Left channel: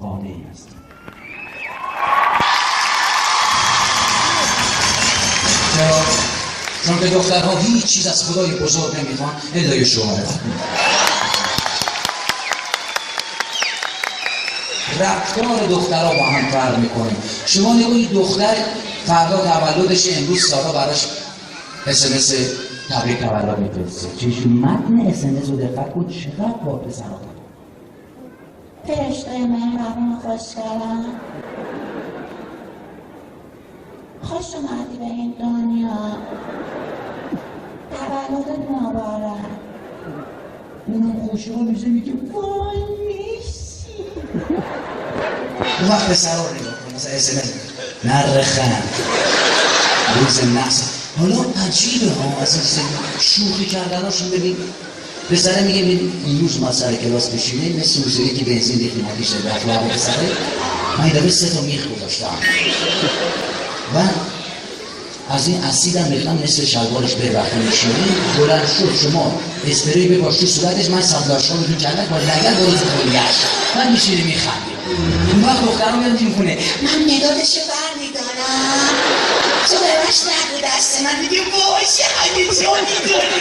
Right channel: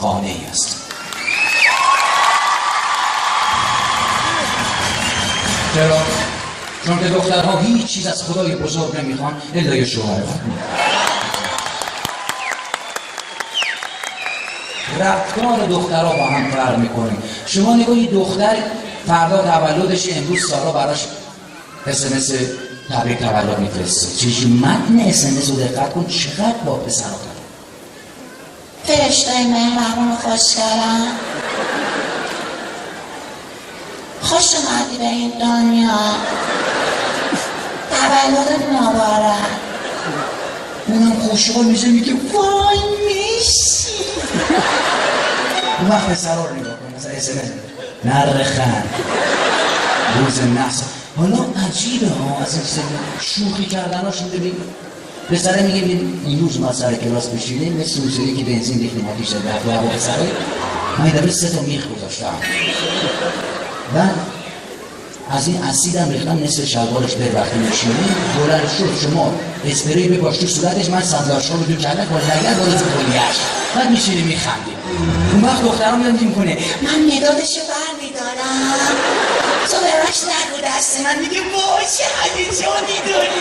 قانعی است. چرا؟ چون که دخترها هیچ چیز از خدای بزرگ نمیخوان الا یه شوهر. رفتار دخترها با هم فرق میکنه. شما نگویید دختر فردا تولدش، امروز سارا براش SMS تبریک تولد میفرسته. چیزی متن SMS رو دقت کن چقدر با پسرها داره. فرشتای مهربون خوشگلم، خوش اومدی به این دنیا، تولدت مبارک. اونم خوشحال میشه میگه وای میشی. اون وقت پسرها رو نگاه کن مثلا SMS نرخن روز نحس. حالا عجیبه ها اصلا شوخی کردناشون. ببین پسره میگه این روز ما سر کلاس بشینیم مثل موسیقی که بنزین ریختیم آتیش زد و پسره من داره 3 تا میخ گذاشتم و از این اسیدم ریختم نصف شلوارش به وقتی میشینه بلند شد شما اسپری بپاش تو صورتش من صندوقش رو کردم با نگر باز کلیش من میشینه میخنده. اون وقت دخترها میاد میکنه من مدادشو برمیدارم، تو بباش نگو دست من. میگه باشه هیجانی داری